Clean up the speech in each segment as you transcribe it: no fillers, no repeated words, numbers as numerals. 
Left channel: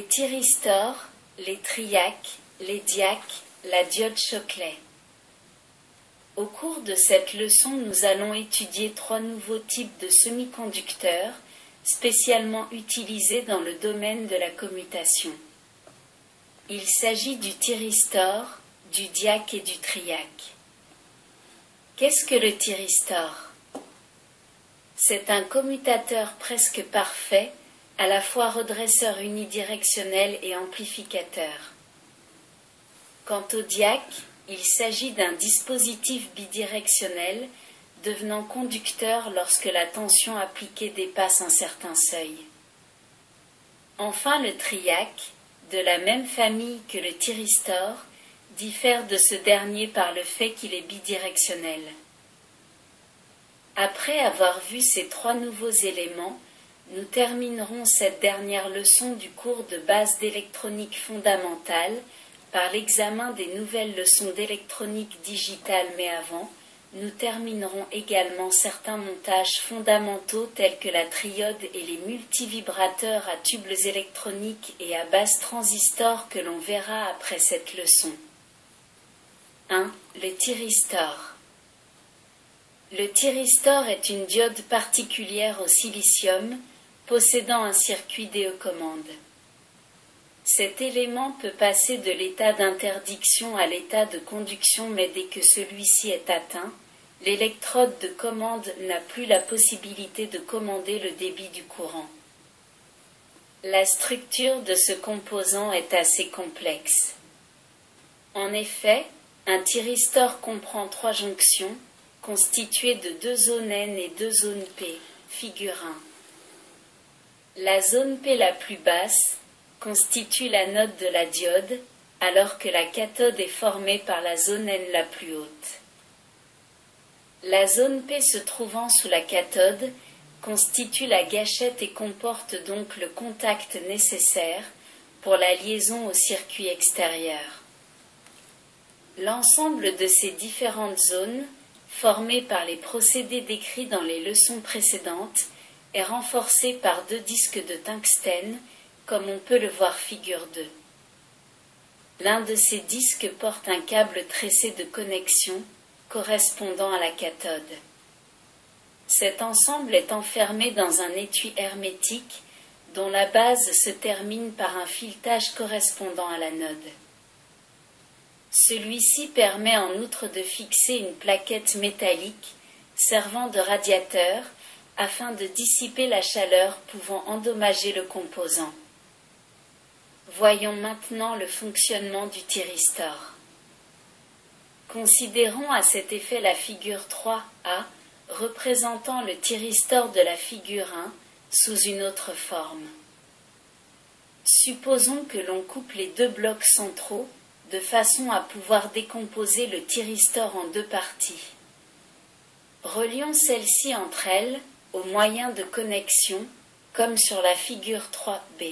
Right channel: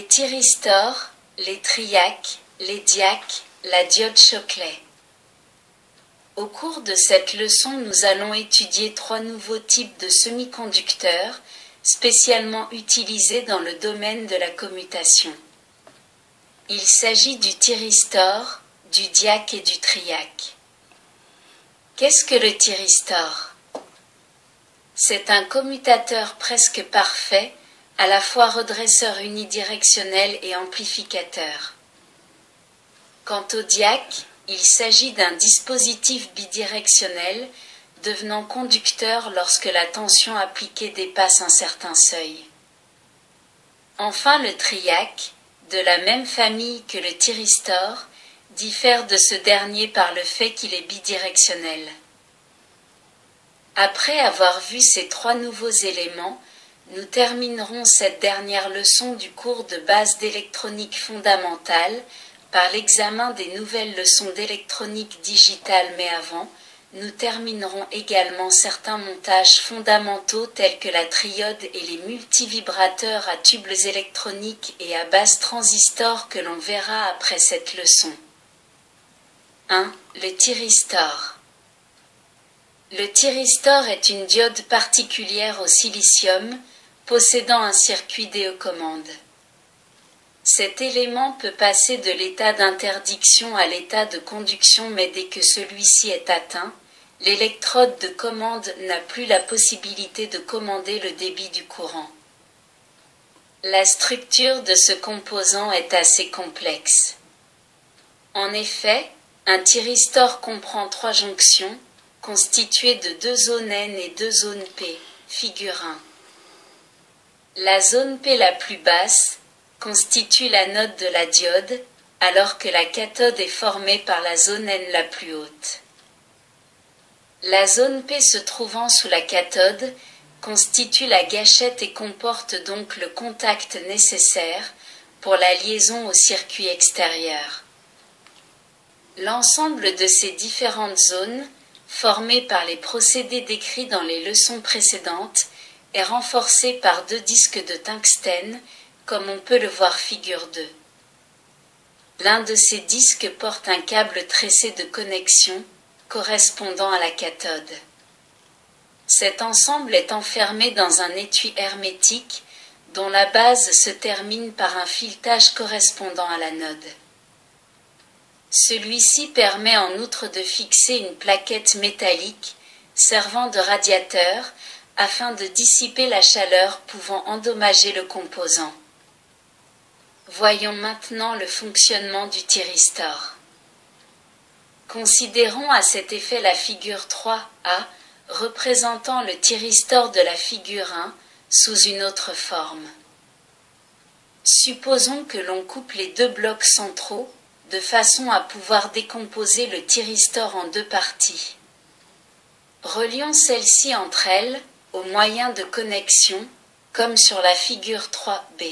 les thyristors, les triacs, les diacs, la diode Shockley. Au cours de cette leçon, nous allons étudier 3 nouveaux types de semi-conducteurs, spécialement utilisés dans le domaine de la commutation. Il s'agit du thyristor, du diac et du triac. Qu'est-ce que le thyristor? C'est un commutateur presque parfait, à la fois redresseur unidirectionnel et amplificateur. Quant au diac, il s'agit d'un dispositif bidirectionnel, devenant conducteur lorsque la tension appliquée dépasse un certain seuil. Enfin, le triac, de la même famille que le thyristor, diffère de ce dernier par le fait qu'il est bidirectionnel. Après avoir vu ces 3 nouveaux éléments, nous terminerons cette dernière leçon du cours de base d'électronique fondamentale par l'examen des nouvelles leçons d'électronique digitale, mais avant, nous terminerons également certains montages fondamentaux tels que la triode et les multivibrateurs à tubes électroniques et à base transistor que l'on verra après cette leçon. 1. Le thyristor. Le thyristor est une diode particulière au silicium, possédant un circuit DE-commande. Cet élément peut passer de l'état d'interdiction à l'état de conduction, mais dès que celui-ci est atteint, l'électrode de commande n'a plus la possibilité de commander le débit du courant. La structure de ce composant est assez complexe. En effet, un thyristor comprend 3 jonctions, constituées de 2 zones N et 2 zones P, figure 1. La zone P la plus basse constitue l'anode de la diode, alors que la cathode est formée par la zone N la plus haute. La zone P se trouvant sous la cathode constitue la gâchette et comporte donc le contact nécessaire pour la liaison au circuit extérieur. L'ensemble de ces différentes zones, formées par les procédés décrits dans les leçons précédentes, est renforcé par 2 disques de tungstène, comme on peut le voir figure 2. L'un de ces disques porte un câble tressé de connexion, correspondant à la cathode. Cet ensemble est enfermé dans un étui hermétique, dont la base se termine par un filetage correspondant à l'anode. Celui-ci permet en outre de fixer une plaquette métallique, servant de radiateur, afin de dissiper la chaleur pouvant endommager le composant. Voyons maintenant le fonctionnement du thyristor. Considérons à cet effet la figure 3A, représentant le thyristor de la figure 1, sous une autre forme. Supposons que l'on coupe les 2 blocs centraux, de façon à pouvoir décomposer le thyristor en 2 parties. Relions celles-ci entre elles, au moyen de connexions, comme sur la figure 3B.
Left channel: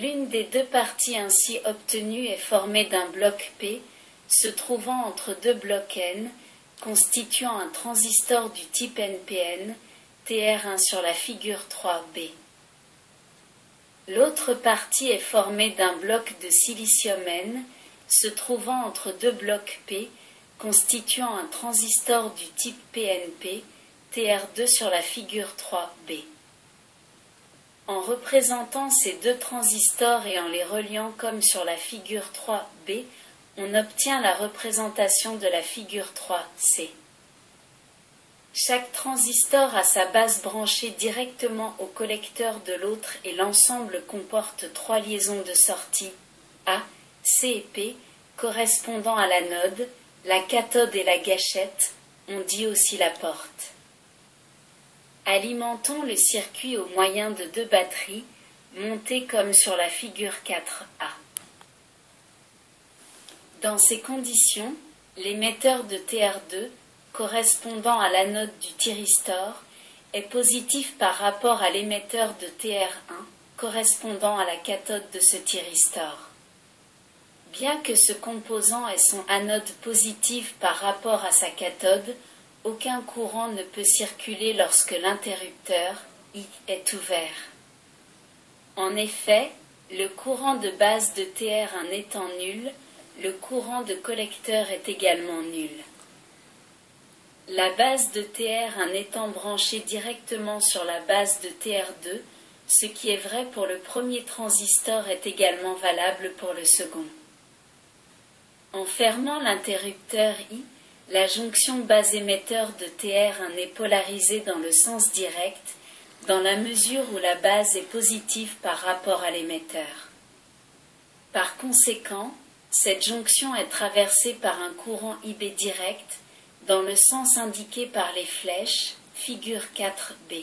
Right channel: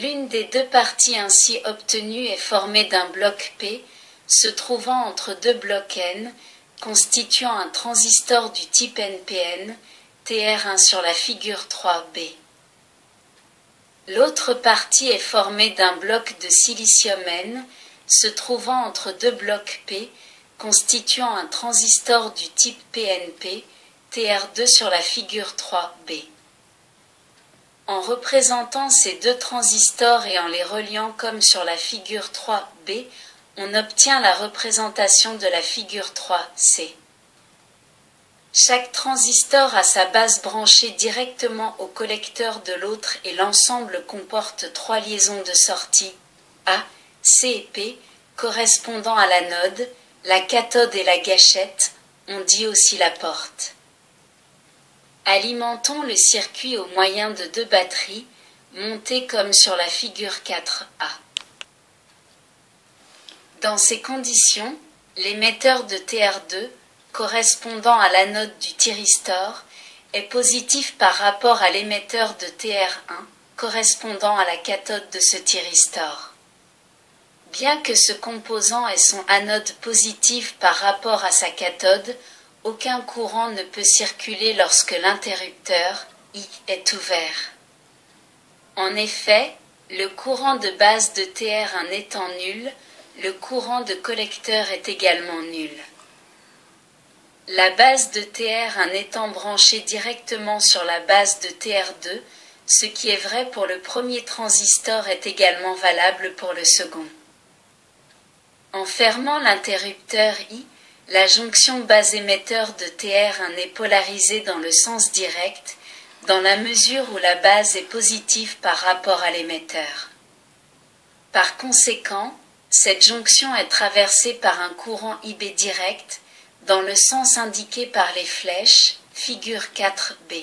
L'une des 2 parties ainsi obtenues est formée d'un bloc P, se trouvant entre 2 blocs N, constituant un transistor du type NPN, TR1 sur la figure 3B. L'autre partie est formée d'un bloc de silicium N, se trouvant entre 2 blocs P, constituant un transistor du type PNP, TR2 sur la figure 3B. En représentant ces 2 transistors et en les reliant comme sur la figure 3B, on obtient la représentation de la figure 3C. Chaque transistor a sa base branchée directement au collecteur de l'autre et l'ensemble comporte 3 liaisons de sortie, A, C et P, correspondant à l'anode, la cathode et la gâchette, on dit aussi la porte. Alimentons le circuit au moyen de 2 batteries, montées comme sur la figure 4A. Dans ces conditions, l'émetteur de TR2, correspondant à l'anode du thyristor, est positif par rapport à l'émetteur de TR1, correspondant à la cathode de ce thyristor. Bien que ce composant ait son anode positive par rapport à sa cathode, aucun courant ne peut circuler lorsque l'interrupteur I est ouvert. En effet, le courant de base de Tr1 étant nul, le courant de collecteur est également nul. La base de Tr1 étant branchée directement sur la base de Tr2, ce qui est vrai pour le premier transistor est également valable pour le second. En fermant l'interrupteur I, la jonction base émetteur de Tr1 est polarisée dans le sens direct, dans la mesure où la base est positive par rapport à l'émetteur. Par conséquent, cette jonction est traversée par un courant IB direct, dans le sens indiqué par les flèches, figure 4b.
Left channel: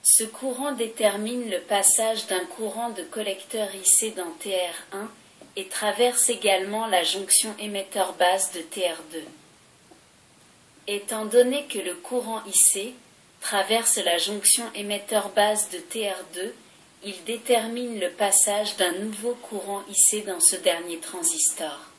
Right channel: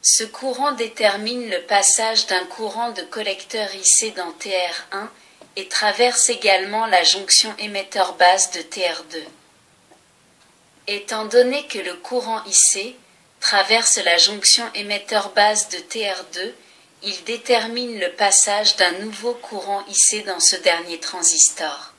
Ce courant détermine le passage d'un courant de collecteur IC dans Tr1 et traverse également la jonction émetteur base de Tr2. Étant donné que le courant IC traverse la jonction émetteur base de Tr2, il détermine le passage d'un nouveau courant IC dans ce dernier transistor.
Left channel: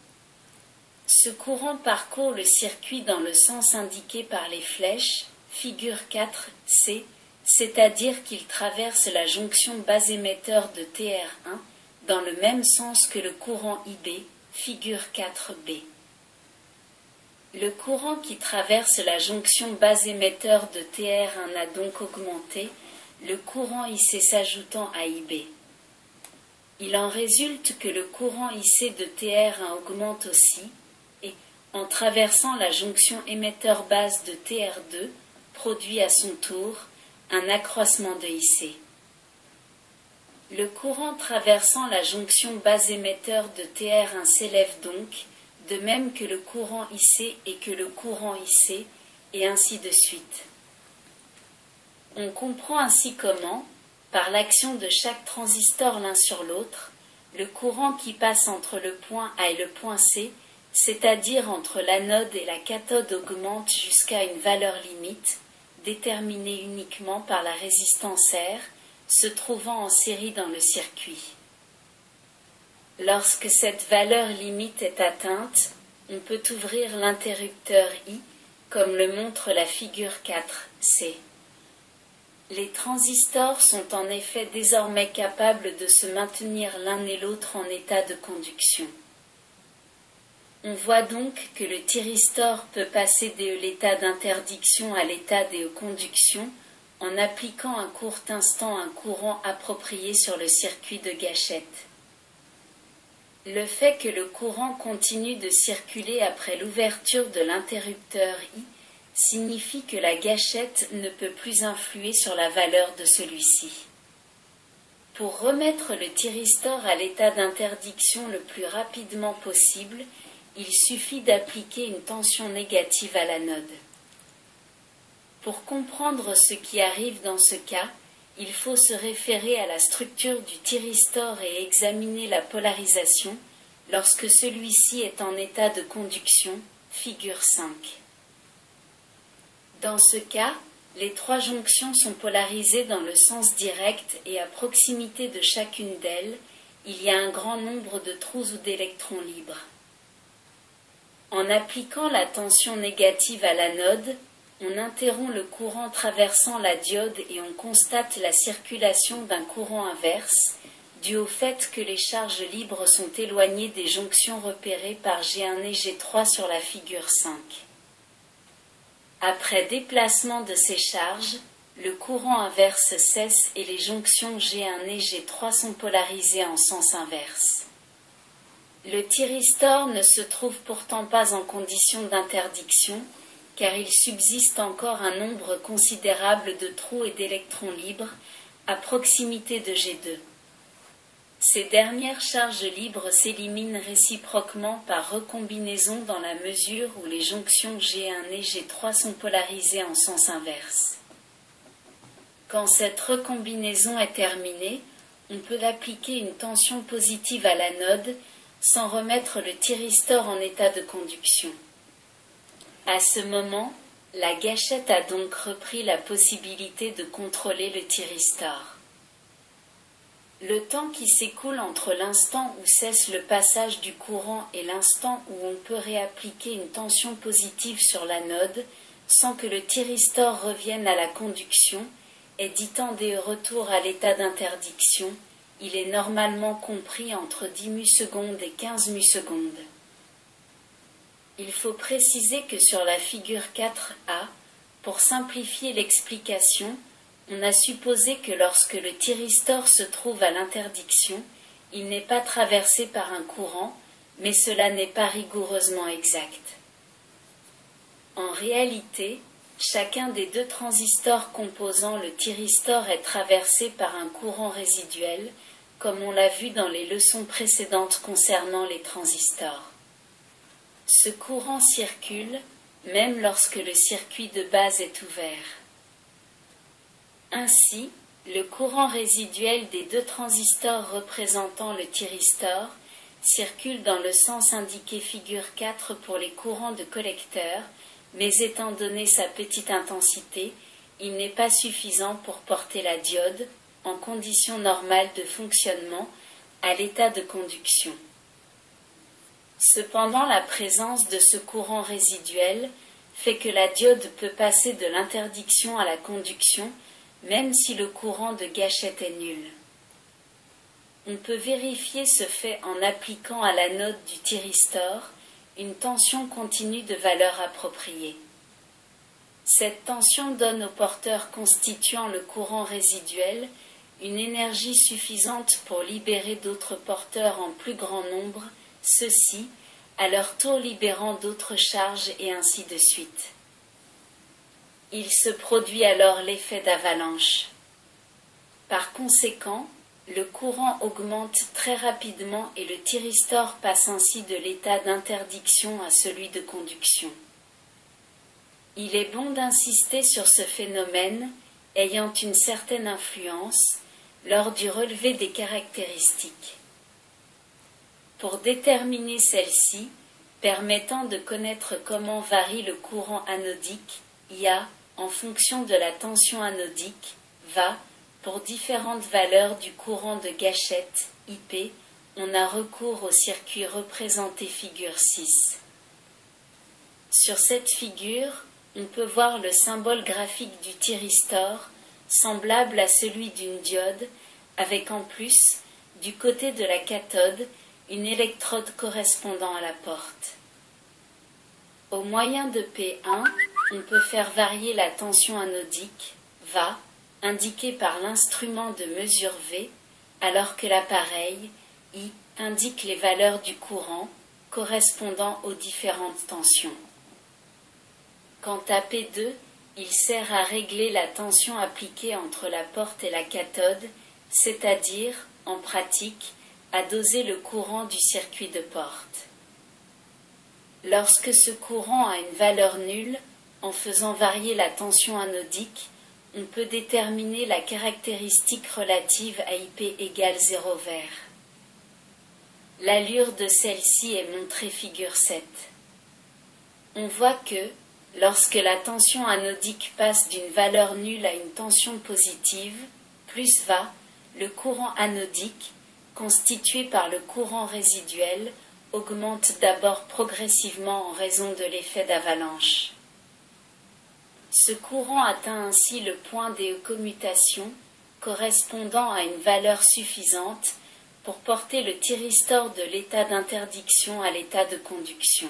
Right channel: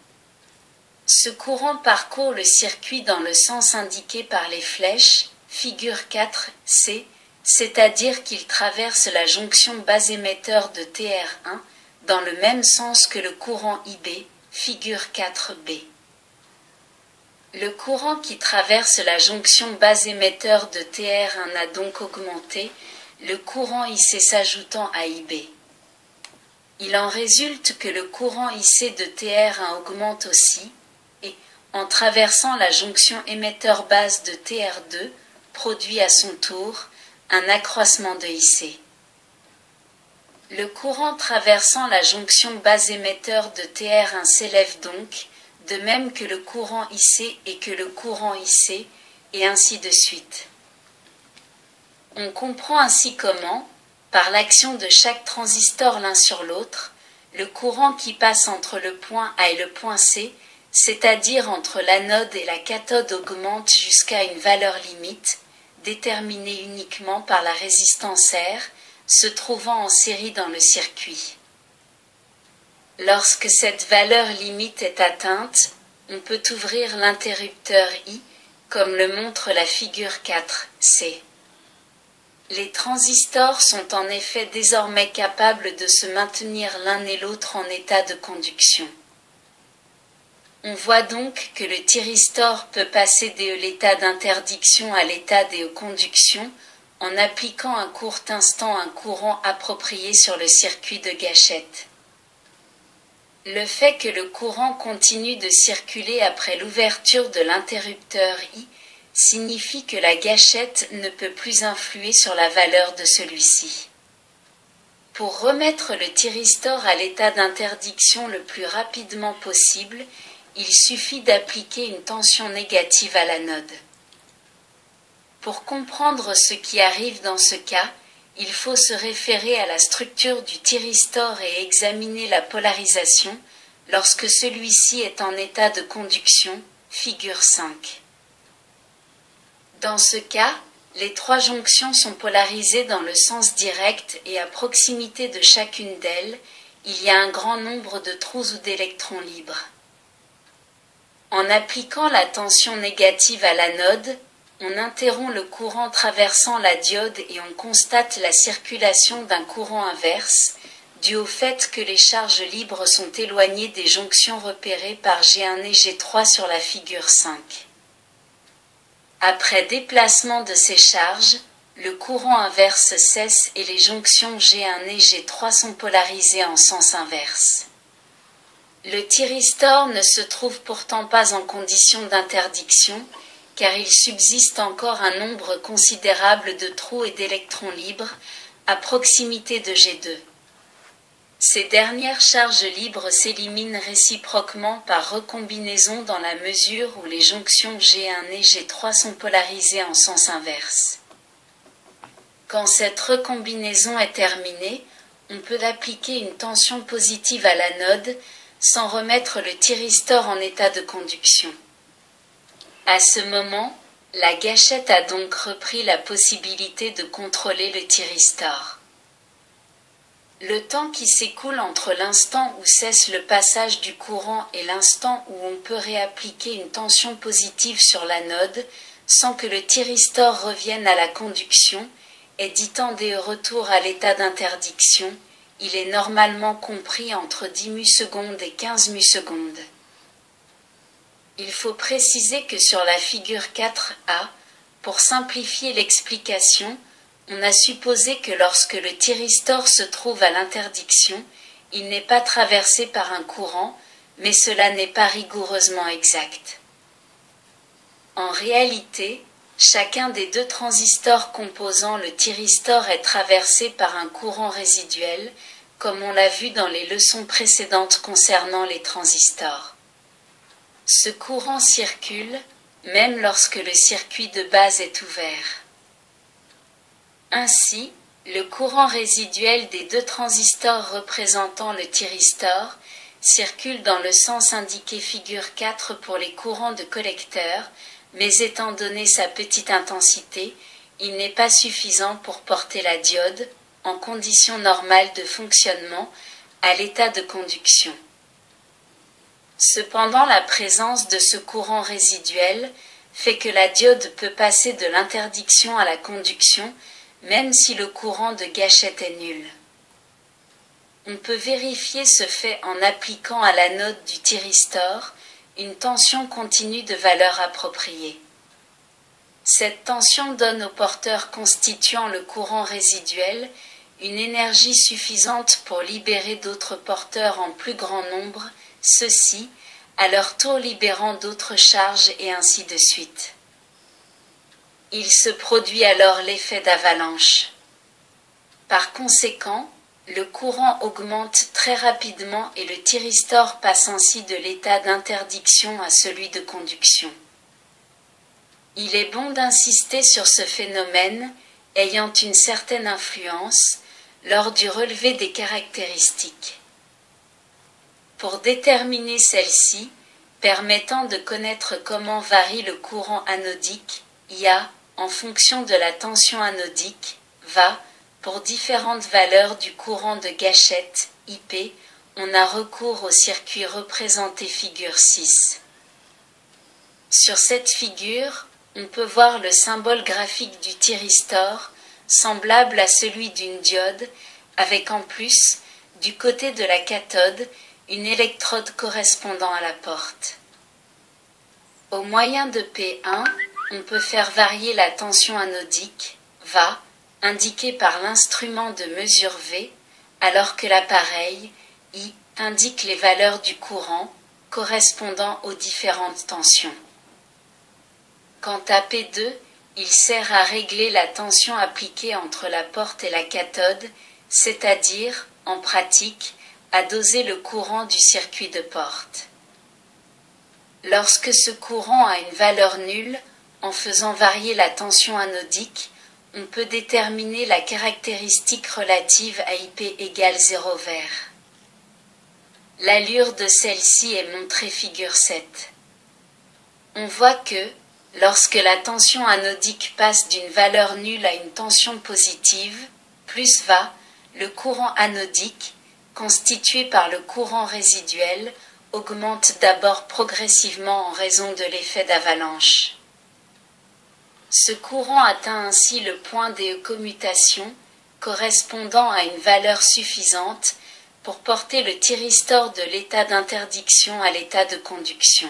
Ce courant parcourt le circuit dans le sens indiqué par les flèches, figure 4c, c'est-à-dire qu'il traverse la jonction base émetteur de Tr1 dans le même sens que le courant IB, figure 4b. Le courant qui traverse la jonction base émetteur de Tr1 a donc augmenté, le courant IC s'ajoutant à IB. Il en résulte que le courant IC de Tr1 augmente aussi, et, en traversant la jonction émetteur base de Tr2, produit à son tour un accroissement de IC. Le courant traversant la jonction base émetteur de Tr1 s'élève donc, de même que le courant IC et que le courant IC, et ainsi de suite. On comprend ainsi comment, par l'action de chaque transistor l'un sur l'autre, le courant qui passe entre le point A et le point C, c'est-à-dire entre l'anode et la cathode, augmente jusqu'à une valeur limite, déterminée uniquement par la résistance R, se trouvant en série dans le circuit. Lorsque cette valeur limite est atteinte, on peut ouvrir l'interrupteur I, comme le montre la figure 4c. Les transistors sont en effet désormais capables de se maintenir l'un et l'autre en état de conduction. On voit donc que le thyristor peut passer de l'état d'interdiction à l'état de conduction en appliquant un court instant un courant approprié sur le circuit de gâchette. Le fait que le courant continue de circuler après l'ouverture de l'interrupteur I signifie que la gâchette ne peut plus influer sur la valeur de celui-ci. Pour remettre le thyristor à l'état d'interdiction le plus rapidement possible, il suffit d'appliquer une tension négative à l'anode. Pour comprendre ce qui arrive dans ce cas, il faut se référer à la structure du thyristor et examiner la polarisation lorsque celui-ci est en état de conduction, figure 5. Dans ce cas, les trois jonctions sont polarisées dans le sens direct et à proximité de chacune d'elles, il y a un grand nombre de trous ou d'électrons libres. En appliquant la tension négative à l'anode, on interrompt le courant traversant la diode et on constate la circulation d'un courant inverse, dû au fait que les charges libres sont éloignées des jonctions repérées par G1 et G3 sur la figure 5. Après déplacement de ces charges, le courant inverse cesse et les jonctions G1 et G3 sont polarisées en sens inverse. Le thyristor ne se trouve pourtant pas en condition d'interdiction, car il subsiste encore un nombre considérable de trous et d'électrons libres, à proximité de G2. Ces dernières charges libres s'éliminent réciproquement par recombinaison dans la mesure où les jonctions G1 et G3 sont polarisées en sens inverse. Quand cette recombinaison est terminée, on peut appliquer une tension positive à l'anode sans remettre le thyristor en état de conduction. À ce moment, la gâchette a donc repris la possibilité de contrôler le thyristor. Le temps qui s'écoule entre l'instant où cesse le passage du courant et l'instant où on peut réappliquer une tension positive sur l'anode, sans que le thyristor revienne à la conduction, est dit temps de retour à l'état d'interdiction, il est normalement compris entre 10 mussecondes et 15 mussecondes. Il faut préciser que sur la figure 4a, pour simplifier l'explication, on a supposé que lorsque le thyristor se trouve à l'interdiction, il n'est pas traversé par un courant, mais cela n'est pas rigoureusement exact. En réalité, chacun des deux transistors composant le thyristor est traversé par un courant résiduel, comme on l'a vu dans les leçons précédentes concernant les transistors. Ce courant circule, même lorsque le circuit de base est ouvert. Ainsi, le courant résiduel des deux transistors représentant le thyristor circule dans le sens indiqué figure 4 pour les courants de collecteur, mais étant donné sa petite intensité, il n'est pas suffisant pour porter la diode, en conditions normales de fonctionnement, à l'état de conduction. Cependant, la présence de ce courant résiduel fait que la diode peut passer de l'interdiction à la conduction, même si le courant de gâchette est nul. On peut vérifier ce fait en appliquant à l'anode du thyristor une tension continue de valeur appropriée. Cette tension donne au porteur constituant le courant résiduel une énergie suffisante pour libérer d'autres porteurs en plus grand nombre, ceux-ci, à leur tour libérant d'autres charges et ainsi de suite. Il se produit alors l'effet d'avalanche. Par conséquent, le courant augmente très rapidement et le thyristor passe ainsi de l'état d'interdiction à celui de conduction. Il est bon d'insister sur ce phénomène ayant une certaine influence lors du relevé des caractéristiques. Pour déterminer celle-ci, permettant de connaître comment varie le courant anodique, IA, en fonction de la tension anodique, va, pour différentes valeurs du courant de gâchette, IP, on a recours au circuit représenté figure 6. Sur cette figure, on peut voir le symbole graphique du thyristor, semblable à celui d'une diode, avec en plus, du côté de la cathode, une électrode correspondant à la porte. Au moyen de P1, on peut faire varier la tension anodique, VA, indiquée par l'instrument de mesure V, alors que l'appareil, I, indique les valeurs du courant, correspondant aux différentes tensions. Quant à P2, il sert à régler la tension appliquée entre la porte et la cathode, c'est-à-dire, en pratique, à doser le courant du circuit de porte. Lorsque ce courant a une valeur nulle, en faisant varier la tension anodique, on peut déterminer la caractéristique relative à IP égale 0 vert. L'allure de celle-ci est montrée figure 7. On voit que, lorsque la tension anodique passe d'une valeur nulle à une tension positive, plus va, le courant anodique, constitué par le courant résiduel, augmente d'abord progressivement en raison de l'effet d'avalanche. Ce courant atteint ainsi le point des commutations, correspondant à une valeur suffisante pour porter le thyristor de l'état d'interdiction à l'état de conduction.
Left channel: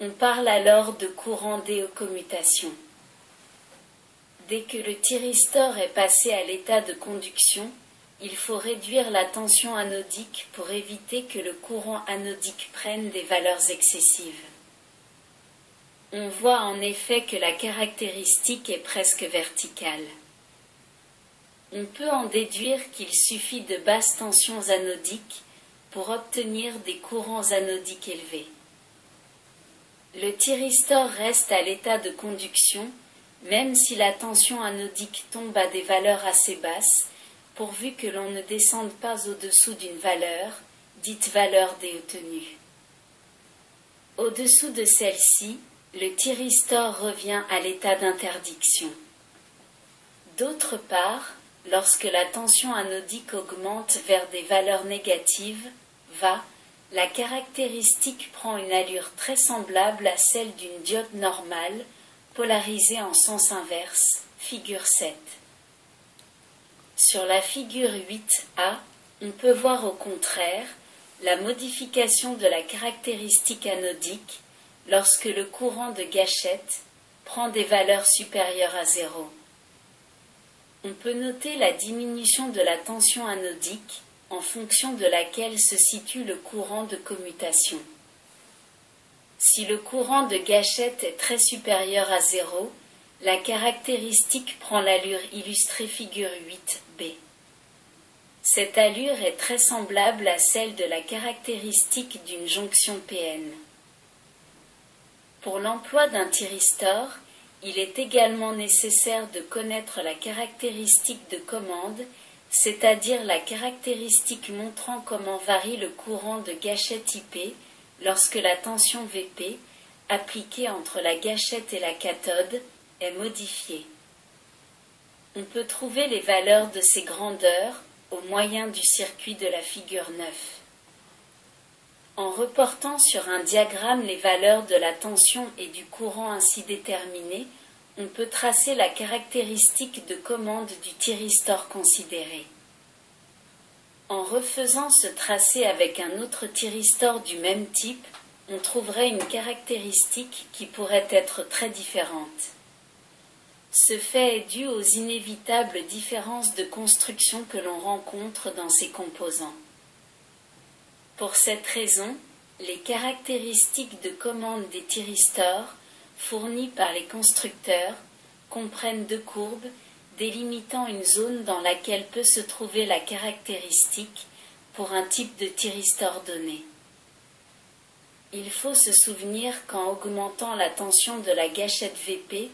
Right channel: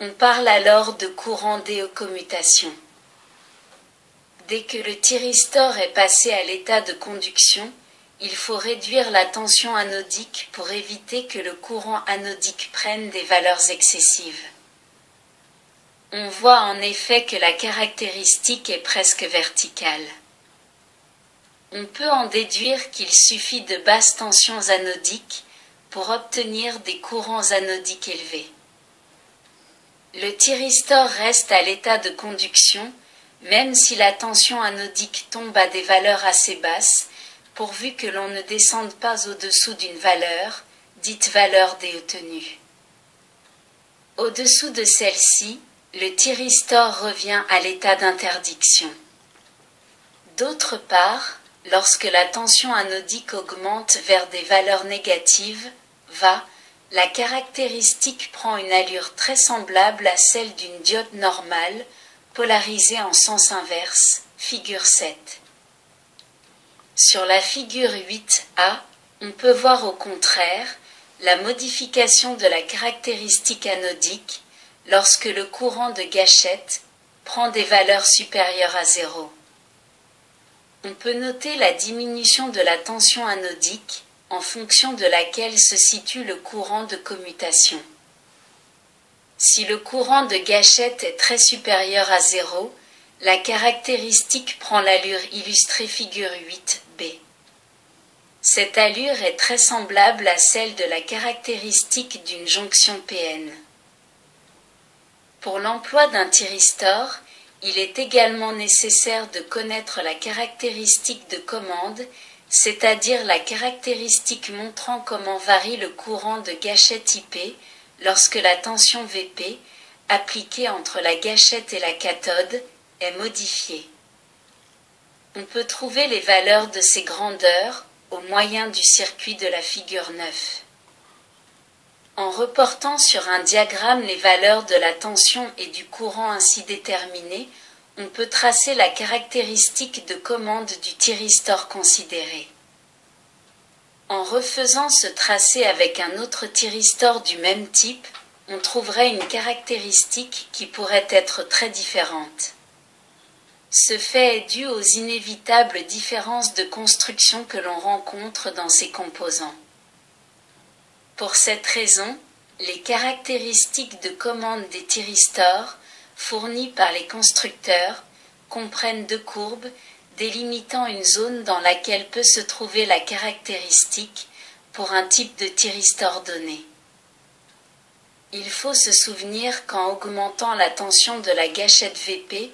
On parle alors de courant d'éocommutation. Dès que le thyristor est passé à l'état de conduction, il faut réduire la tension anodique pour éviter que le courant anodique prenne des valeurs excessives. On voit en effet que la caractéristique est presque verticale. On peut en déduire qu'il suffit de basses tensions anodiques pour obtenir des courants anodiques élevés. Le thyristor reste à l'état de conduction, même si la tension anodique tombe à des valeurs assez basses, pourvu que l'on ne descende pas au-dessous d'une valeur, dite valeur détenue. Au-dessous de celle-ci, le thyristor revient à l'état d'interdiction. D'autre part, lorsque la tension anodique augmente vers des valeurs négatives, va, la caractéristique prend une allure très semblable à celle d'une diode normale, polarisée en sens inverse, figure 7. Sur la figure 8a, on peut voir au contraire la modification de la caractéristique anodique lorsque le courant de gâchette prend des valeurs supérieures à 0. On peut noter la diminution de la tension anodique en fonction de laquelle se situe le courant de commutation. Si le courant de gâchette est très supérieur à 0, la caractéristique prend l'allure illustrée figure 8b. Cette allure est très semblable à celle de la caractéristique d'une jonction PN. Pour l'emploi d'un thyristor, il est également nécessaire de connaître la caractéristique de commande, c'est-à-dire la caractéristique montrant comment varie le courant de gâchette IP lorsque la tension Vp, appliquée entre la gâchette et la cathode, est modifiée. On peut trouver les valeurs de ces grandeurs au moyen du circuit de la figure 9. En reportant sur un diagramme les valeurs de la tension et du courant ainsi déterminées, on peut tracer la caractéristique de commande du thyristor considéré. En refaisant ce tracé avec un autre thyristor du même type, on trouverait une caractéristique qui pourrait être très différente. Ce fait est dû aux inévitables différences de construction que l'on rencontre dans ces composants. Pour cette raison, les caractéristiques de commande des thyristors, fournies par les constructeurs, comprennent deux courbes délimitant une zone dans laquelle peut se trouver la caractéristique pour un type de thyristor donné. Il faut se souvenir qu'en augmentant la tension de la gâchette Vp,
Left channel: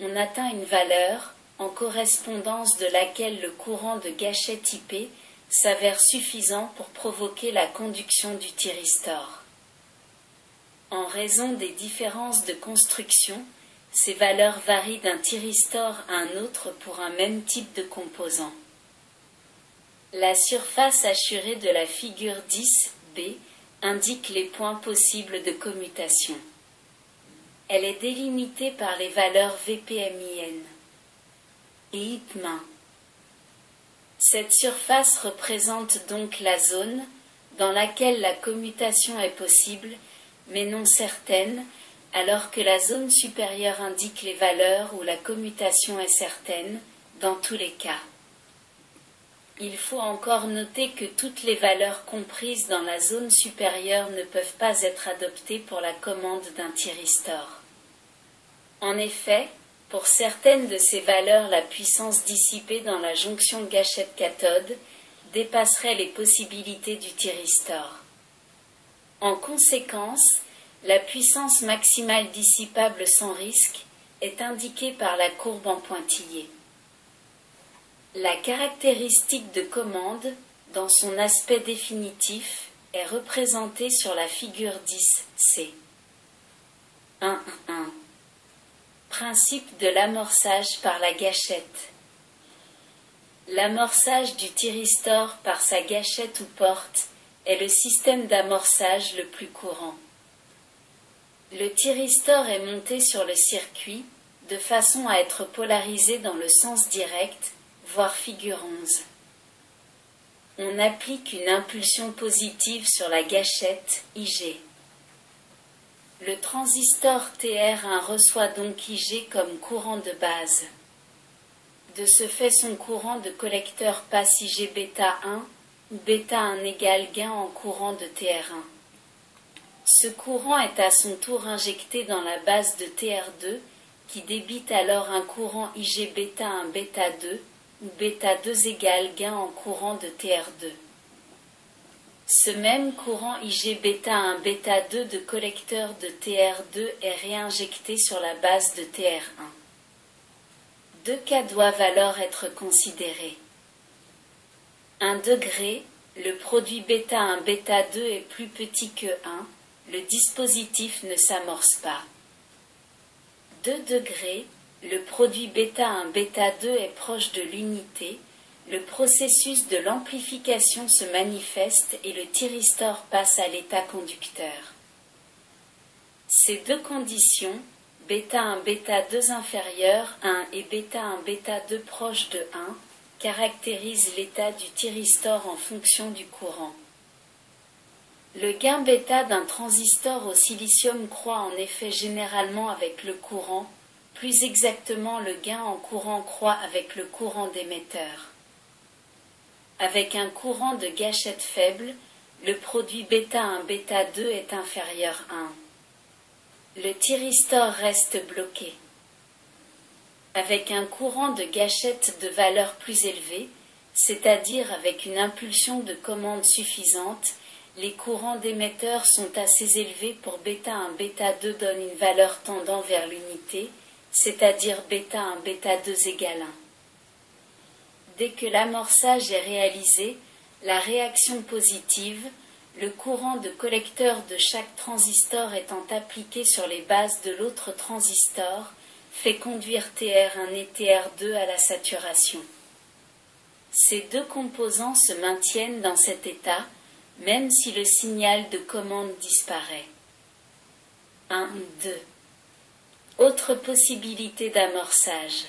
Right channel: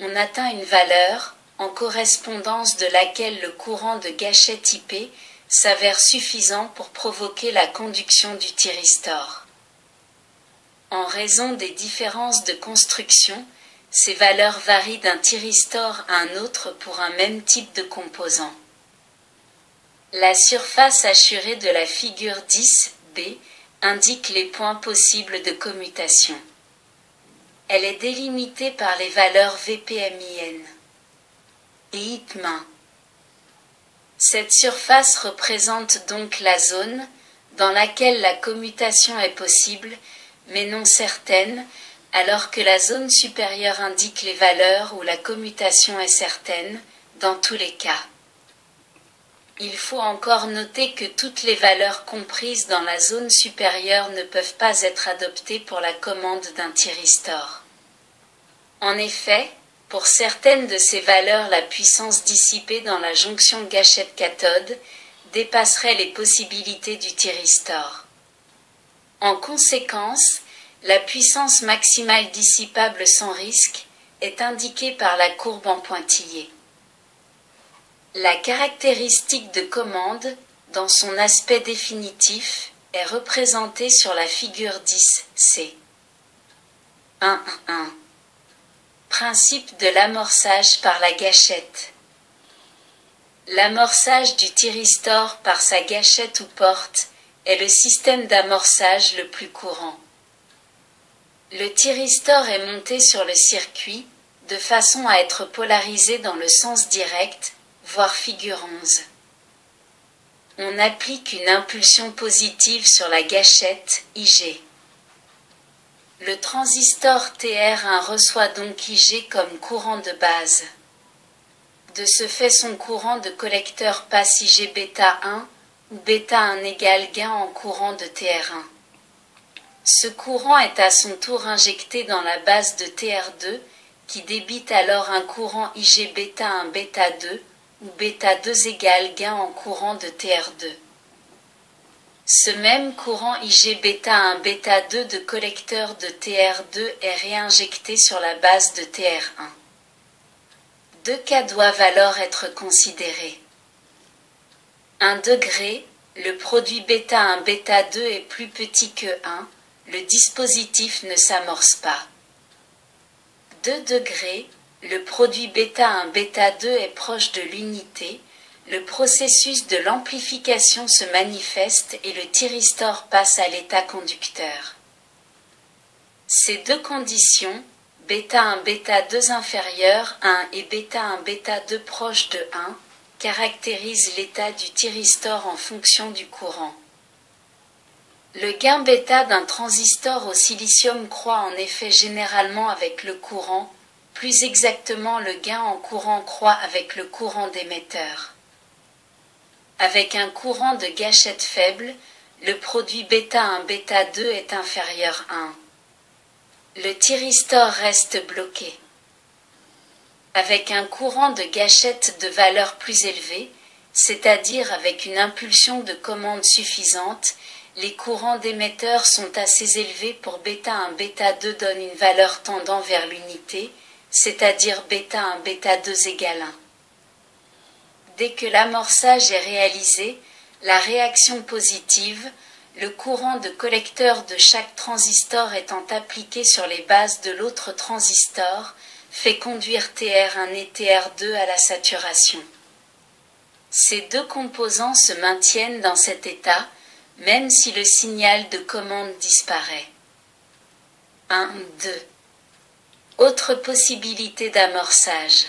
on atteint une valeur, en correspondance de laquelle le courant de gâchette IP s'avère suffisant pour provoquer la conduction du thyristor. En raison des différences de construction, ces valeurs varient d'un thyristor à un autre pour un même type de composant. La surface assurée de la figure 10b indique les points possibles de commutation. Elle est délimitée par les valeurs VPMIN et IPMIN. Cette surface représente donc la zone dans laquelle la commutation est possible, mais non certaine, alors que la zone supérieure indique les valeurs où la commutation est certaine, dans tous les cas. Il faut encore noter que toutes les valeurs comprises dans la zone supérieure ne peuvent pas être adoptées pour la commande d'un thyristor. En effet, pour certaines de ces valeurs, la puissance dissipée dans la jonction gâchette-cathode dépasserait les possibilités du thyristor. En conséquence, la puissance maximale dissipable sans risque est indiquée par la courbe en pointillé. La caractéristique de commande, dans son aspect définitif, est représentée sur la figure 10c. 1.1. Principe de l'amorçage par la gâchette. L'amorçage du thyristor par sa gâchette ou porte est le système d'amorçage le plus courant. Le thyristor est monté sur le circuit, de façon à être polarisé dans le sens direct, voire figure 11. On applique une impulsion positive sur la gâchette, IG. Le transistor TR1 reçoit donc IG comme courant de base. De ce fait, son courant de collecteur passe IG bêta 1, où bêta 1 égale gain en courant de TR1. Ce courant est à son tour injecté dans la base de TR2, qui débite alors un courant IG bêta 1 bêta 2, où bêta 2 égale gain en courant de TR2. Ce même courant IG bêta 1 bêta 2 de collecteur de TR2 est réinjecté sur la base de TR1. Deux cas doivent alors être considérés. 1 degré, le produit bêta 1 bêta 2 est plus petit que 1, le dispositif ne s'amorce pas. 2 degrés, le produit bêta 1 bêta 2 est proche de l'unité, le processus de l'amplification se manifeste et le thyristor passe à l'état conducteur. Ces deux conditions, bêta 1 bêta 2 inférieur à 1 et bêta 1 bêta 2 proche de 1, caractérisent l'état du thyristor en fonction du courant. Le gain bêta d'un transistor au silicium croît en effet généralement avec le courant, plus exactement le gain en courant croît avec le courant d'émetteur. Avec un courant de gâchette faible, le produit bêta 1 bêta 2 est inférieur à 1. Le thyristor reste bloqué. Avec un courant de gâchette de valeur plus élevée, c'est-à-dire avec une impulsion de commande suffisante, les courants d'émetteur sont assez élevés pour bêta 1 bêta 2 donne une valeur tendant vers l'unité, c'est-à-dire bêta 1 bêta 2 égale 1. Dès que l'amorçage est réalisé, la réaction positive, le courant de collecteur de chaque transistor étant appliqué sur les bases de l'autre transistor, fait conduire TR1 et TR2 à la saturation. Ces deux composants se maintiennent dans cet état, même si le signal de commande disparaît. 1, 2. Autre possibilité d'amorçage.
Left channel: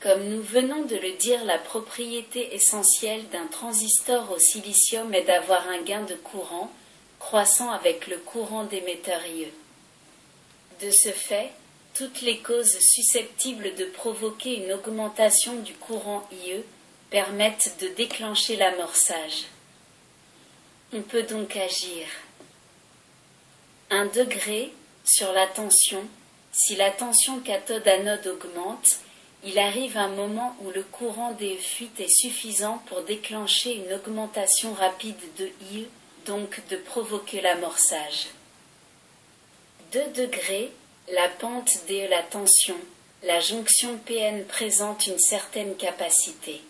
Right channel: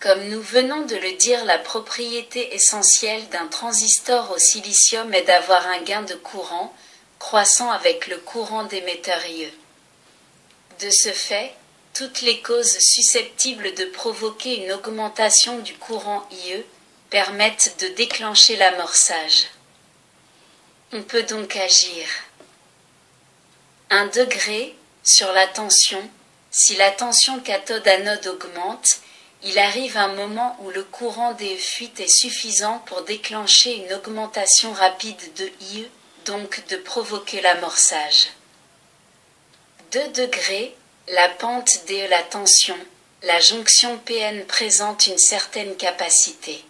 Comme nous venons de le dire, la propriété essentielle d'un transistor au silicium est d'avoir un gain de courant, croissant avec le courant d'émetteur IE. De ce fait, toutes les causes susceptibles de provoquer une augmentation du courant IE permettent de déclencher l'amorçage. On peut donc agir. 1 degré sur la tension. Si la tension cathode-anode augmente, il arrive un moment où le courant des fuites est suffisant pour déclencher une augmentation rapide de IE, donc de provoquer l'amorçage. 2 degrés, la pente DE la tension, la jonction PN présente une certaine capacité.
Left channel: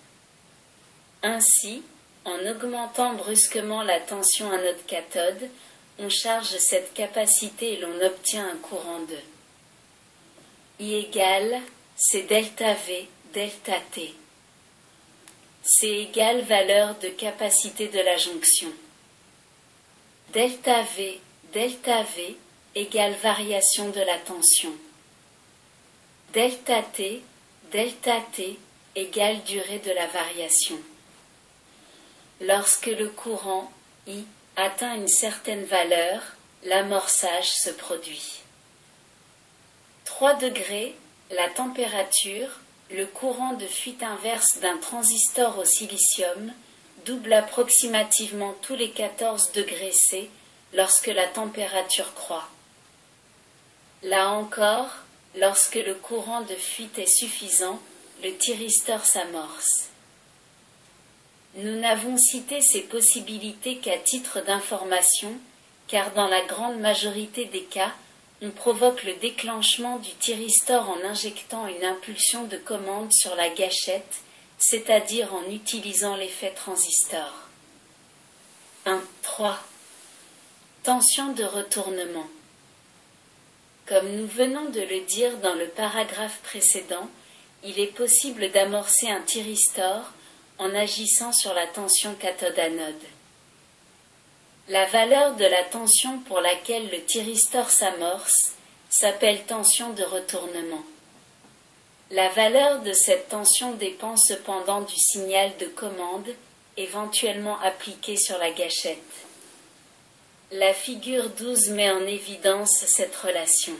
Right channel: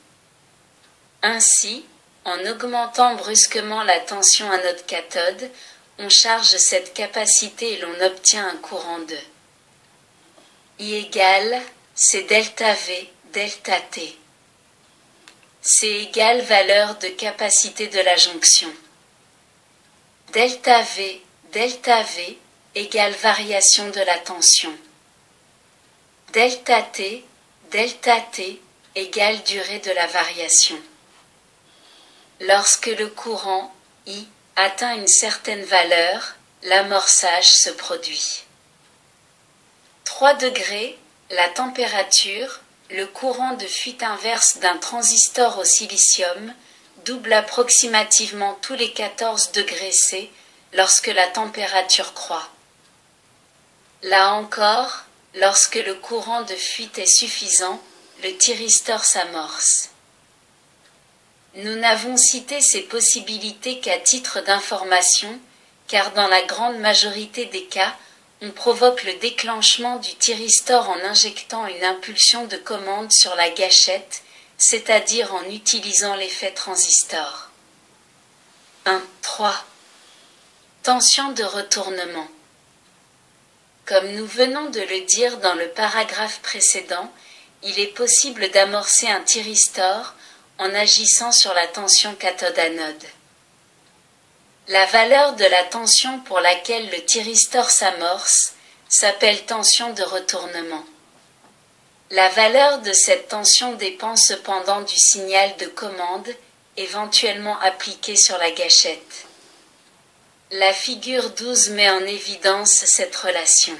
Ainsi, en augmentant brusquement la tension anode-cathode, on charge cette capacité et l'on obtient un courant de I égale, c'est delta V, delta T. C égale valeur de capacité de la jonction. Delta V égale variation de la tension. Delta T égale durée de la variation. Lorsque le courant I atteint une certaine valeur, l'amorçage se produit. 3 degrés, la température, le courant de fuite inverse d'un transistor au silicium, double approximativement tous les 14 degrés C lorsque la température croît. Là encore, lorsque le courant de fuite est suffisant, le thyristor s'amorce. Nous n'avons cité ces possibilités qu'à titre d'information, car dans la grande majorité des cas, on provoque le déclenchement du thyristor en injectant une impulsion de commande sur la gâchette, c'est-à-dire en utilisant l'effet transistor. 3. Tension de retournement. Comme nous venons de le dire dans le paragraphe précédent, il est possible d'amorcer un thyristor en agissant sur la tension cathode-anode. La valeur de la tension pour laquelle le thyristor s'amorce s'appelle tension de retournement. La valeur de cette tension dépend cependant du signal de commande, éventuellement appliqué sur la gâchette. La figure 12 met en évidence cette relation.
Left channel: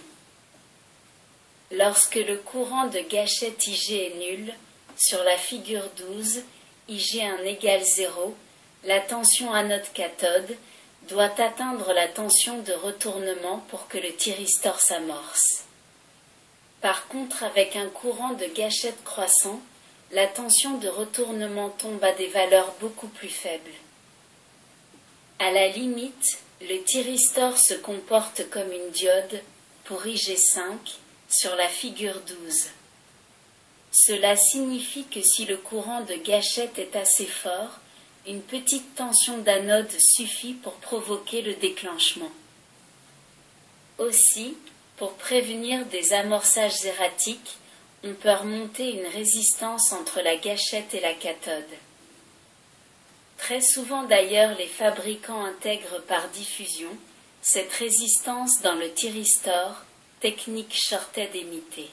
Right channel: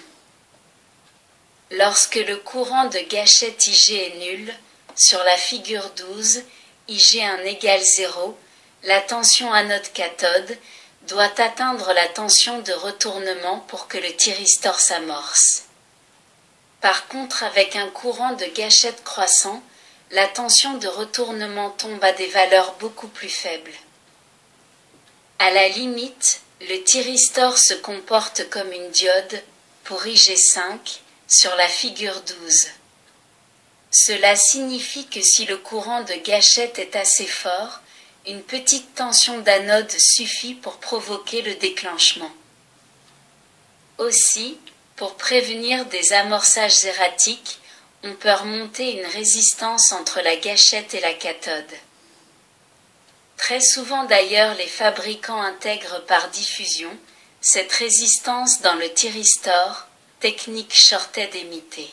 Lorsque le courant de gâchette IG est nul, sur la figure 12, IG1 égale 0, la tension anode-cathode doit atteindre la tension de retournement pour que le thyristor s'amorce. Par contre, avec un courant de gâchette croissant, la tension de retournement tombe à des valeurs beaucoup plus faibles. À la limite, le thyristor se comporte comme une diode, pour IG5, sur la figure 12. Cela signifie que si le courant de gâchette est assez fort, une petite tension d'anode suffit pour provoquer le déclenchement. Aussi, pour prévenir des amorçages erratiques, on peut remonter une résistance entre la gâchette et la cathode. Très souvent d'ailleurs, les fabricants intègrent par diffusion cette résistance dans le thyristor technique shorted émitée.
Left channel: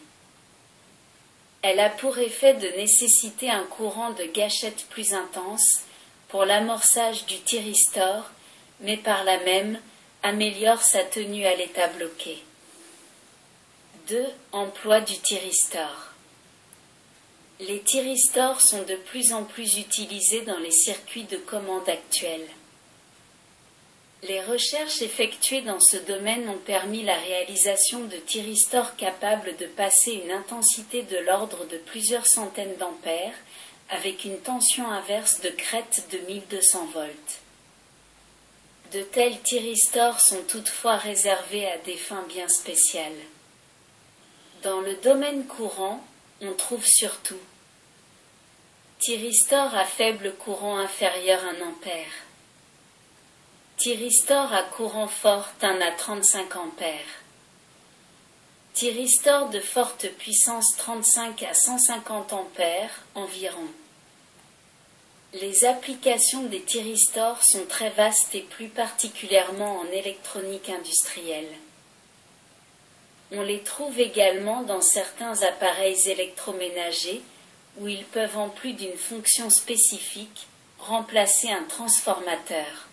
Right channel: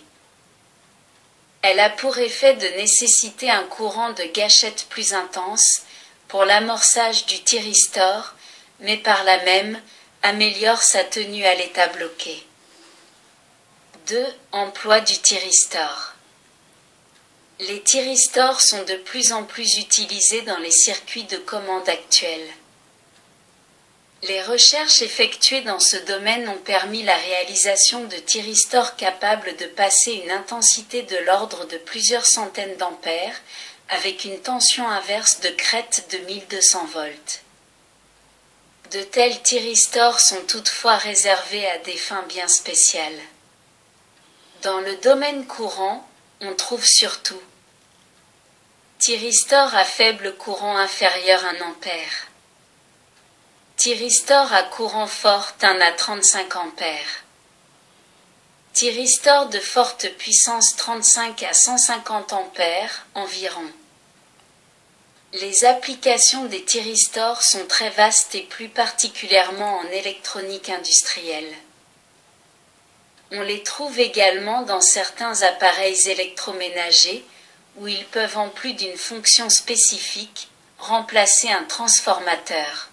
Elle a pour effet de nécessiter un courant de gâchette plus intense pour l'amorçage du thyristor, mais par là même améliore sa tenue à l'état bloqué. 2. Emploi du thyristor. Les thyristors sont de plus en plus utilisés dans les circuits de commande actuels. Les recherches effectuées dans ce domaine ont permis la réalisation de thyristors capables de passer une intensité de l'ordre de plusieurs centaines d'ampères, avec une tension inverse de crête de 1200 volts. De tels thyristors sont toutefois réservés à des fins bien spéciales. Dans le domaine courant, on trouve surtout thyristor à faible courant inférieur à 1 ampère. Thyristor à courant fort 1 à 35 ampères. Thyristor de forte puissance 35 à 150 ampères environ. Les applications des thyristors sont très vastes et plus particulièrement en électronique industrielle. On les trouve également dans certains appareils électroménagers où ils peuvent en plus d'une fonction spécifique remplacer un transformateur.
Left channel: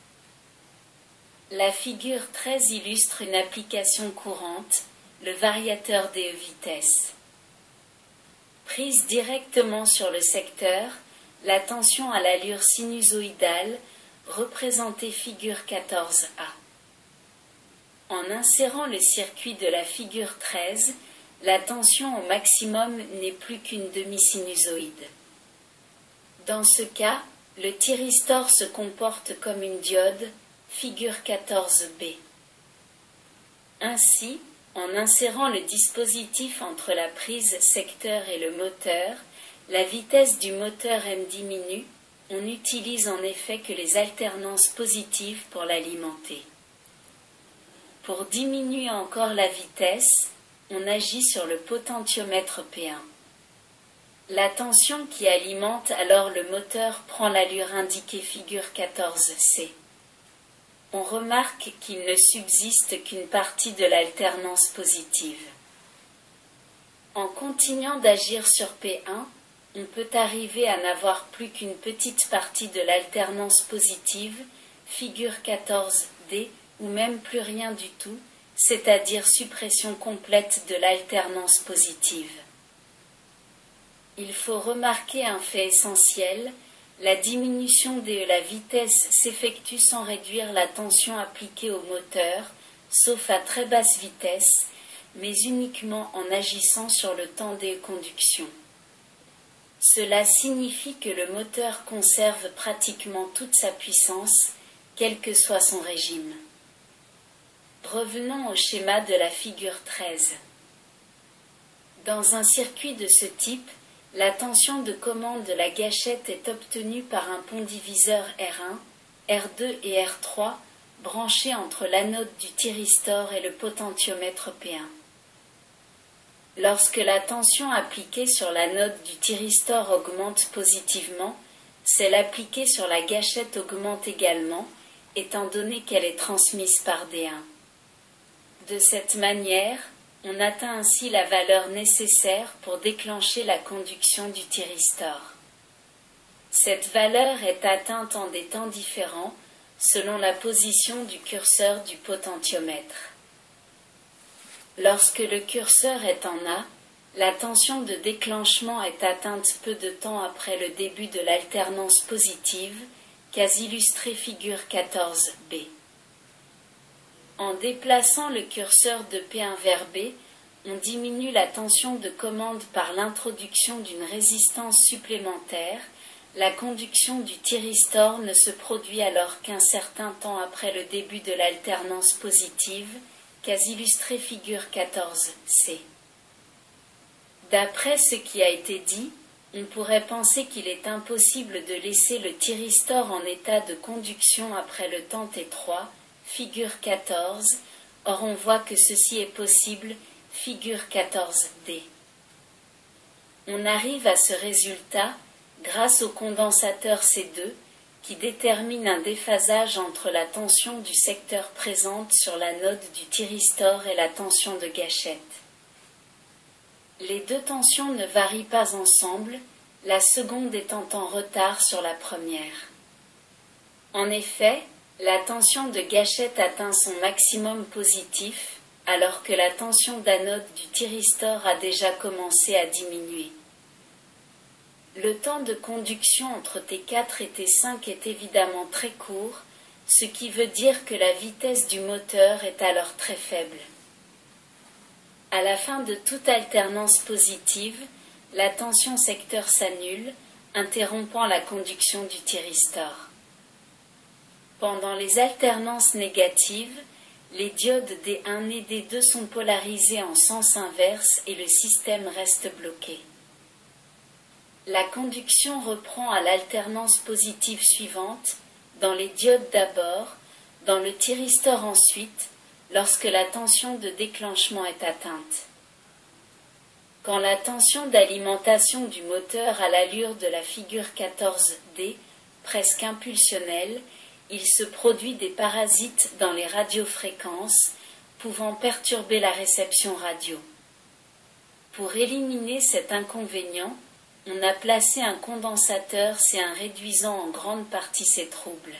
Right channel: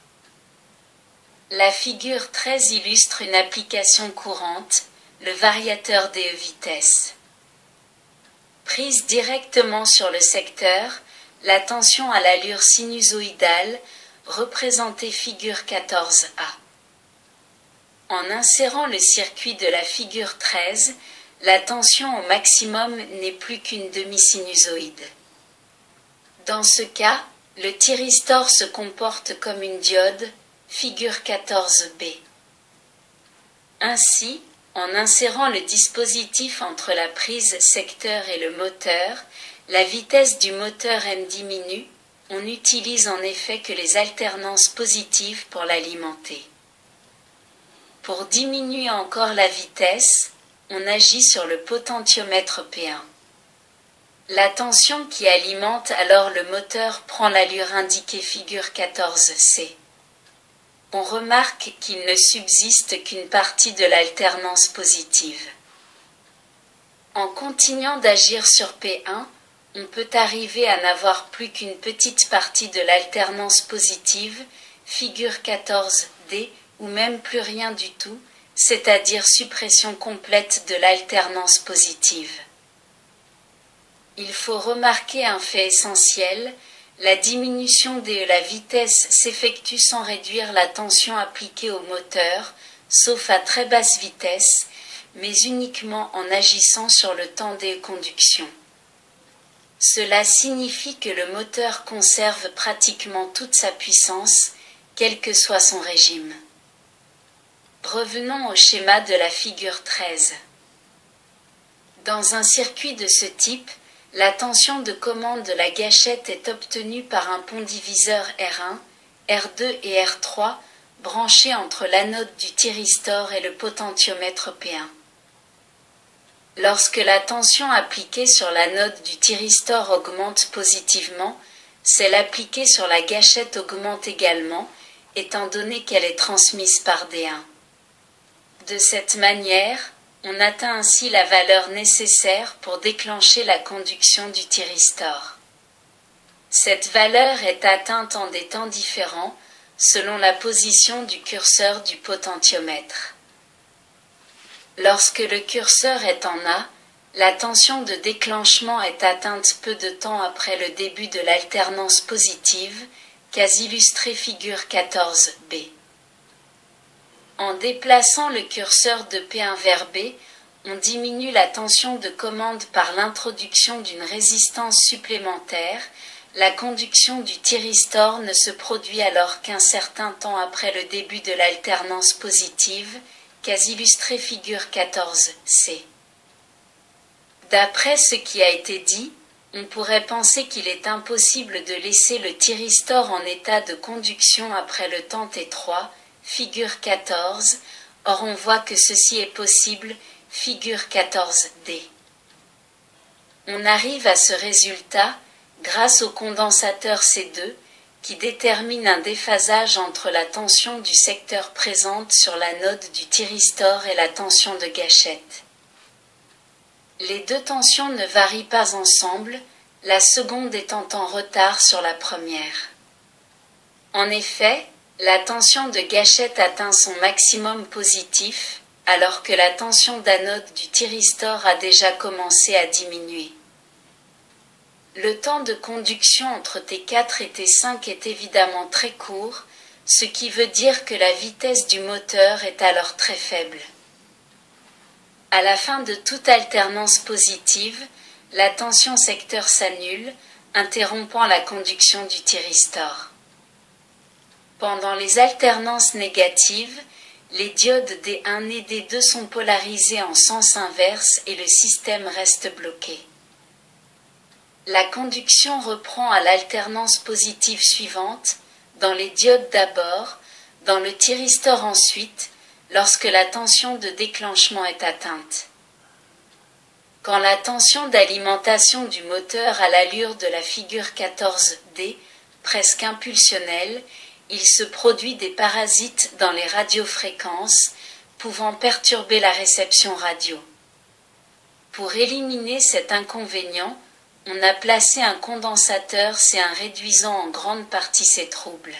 La figure 13 illustre une application courante, le variateur des vitesses. Prise directement sur le secteur, la tension à l'allure sinusoïdale, représentée figure 14a. En insérant le circuit de la figure 13, la tension au maximum n'est plus qu'une demi-sinusoïde. Dans ce cas, le thyristor se comporte comme une diode, figure 14b. Ainsi, en insérant le dispositif entre la prise secteur et le moteur, la vitesse du moteur M diminue, on n'utilise en effet que les alternances positives pour l'alimenter. Pour diminuer encore la vitesse, on agit sur le potentiomètre P1. La tension qui alimente alors le moteur prend l'allure indiquée figure 14C. On remarque qu'il ne subsiste qu'une partie de l'alternance positive. En continuant d'agir sur P1, on peut arriver à n'avoir plus qu'une petite partie de l'alternance positive, figure 14D, ou même plus rien du tout, c'est-à-dire suppression complète de l'alternance positive. Il faut remarquer un fait essentiel, la diminution de la vitesse s'effectue sans réduire la tension appliquée au moteur, sauf à très basse vitesse, mais uniquement en agissant sur le temps des conductions. Cela signifie que le moteur conserve pratiquement toute sa puissance, quel que soit son régime. Revenons au schéma de la figure 13. Dans un circuit de ce type, la tension de commande de la gâchette est obtenue par un pont diviseur R1, R2 et R3 branchés entre l'anode du thyristor et le potentiomètre P1. Lorsque la tension appliquée sur l'anode du thyristor augmente positivement, celle appliquée sur la gâchette augmente également, étant donné qu'elle est transmise par D1. De cette manière, on atteint ainsi la valeur nécessaire pour déclencher la conduction du thyristor. Cette valeur est atteinte en des temps différents, selon la position du curseur du potentiomètre. Lorsque le curseur est en A, la tension de déclenchement est atteinte peu de temps après le début de l'alternance positive, qu'a illustré figure 14b. En déplaçant le curseur de P1 vers B, on diminue la tension de commande par l'introduction d'une résistance supplémentaire. La conduction du thyristor ne se produit alors qu'un certain temps après le début de l'alternance positive, qu'a illustré figure 14c. D'après ce qui a été dit, on pourrait penser qu'il est impossible de laisser le thyristor en état de conduction après le temps T3, figure 14, or on voit que ceci est possible, figure 14D. On arrive à ce résultat grâce au condensateur C2, qui détermine un déphasage entre la tension du secteur présente sur l'anode du thyristor et la tension de gâchette. Les deux tensions ne varient pas ensemble, la seconde étant en retard sur la première. En effet, la tension de gâchette atteint son maximum positif, alors que la tension d'anode du thyristor a déjà commencé à diminuer. Le temps de conduction entre T4 et T5 est évidemment très court, ce qui veut dire que la vitesse du moteur est alors très faible. À la fin de toute alternance positive, la tension secteur s'annule, interrompant la conduction du thyristor. Pendant les alternances négatives, les diodes D1 et D2 sont polarisés en sens inverse et le système reste bloqué. La conduction reprend à l'alternance positive suivante, dans les diodes d'abord, dans le thyristor ensuite, lorsque la tension de déclenchement est atteinte. Quand la tension d'alimentation du moteur a l'allure de la figure 14D, presque impulsionnelle, il se produit des parasites dans les radiofréquences, pouvant perturber la réception radio. Pour éliminer cet inconvénient, on a placé un condensateur C1 réduisant en grande partie ces troubles.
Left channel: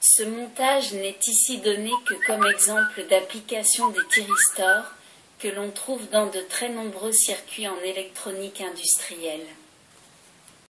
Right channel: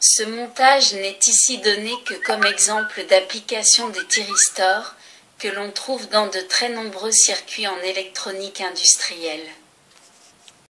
Ce montage n'est ici donné que comme exemple d'application des thyristors, que l'on trouve dans de très nombreux circuits en électronique industrielle.